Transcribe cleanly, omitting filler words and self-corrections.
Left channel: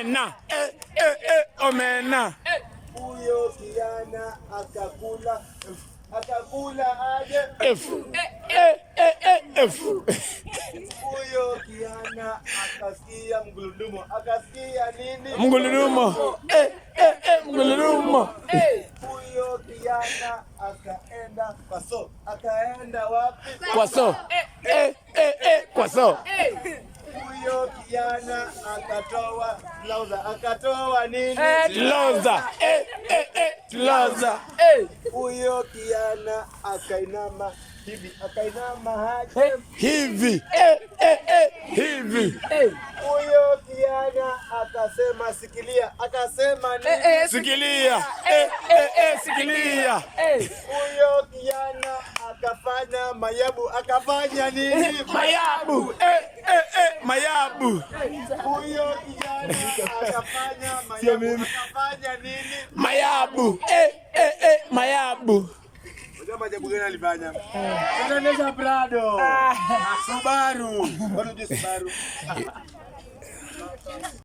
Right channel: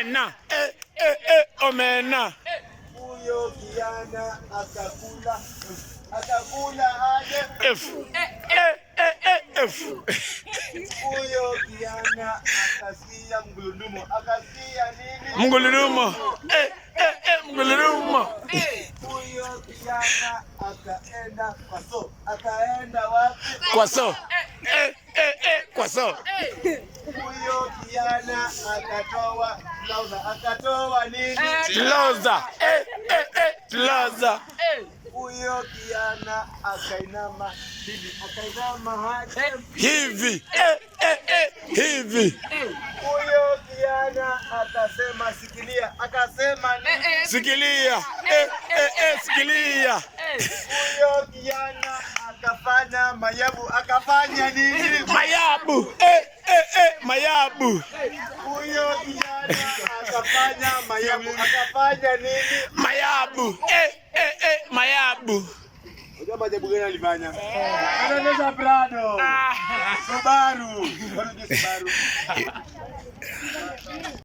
omena, omena. Huyo kijana akakula aje? Huyo kijana akasikia mguludumo. Akasikia nini? Mguludumo. Mguludumo. Huyo kijana akaenda kwa so. Akaenda wapi? Kwa so. Kwa so. Huyo kijana akatoa lauza. Akatoa nini? Lauza. Lauza. Huyo kijana akainama hivi. Akainama aje? Hivi. Hivi. Huyo kijana akasema sikilia. Akasema nini? Sikilia. Sikilia. Huyo kijana akafanya mayabu. Akafanya nini? Mayabu. Mayabu. Huyo kijana akafanya mayabu. Akafanya nini? Mayabu. Mayabu. Unajua majabu gani alifanya? Anaendesha Prado. Subaru. Subaru.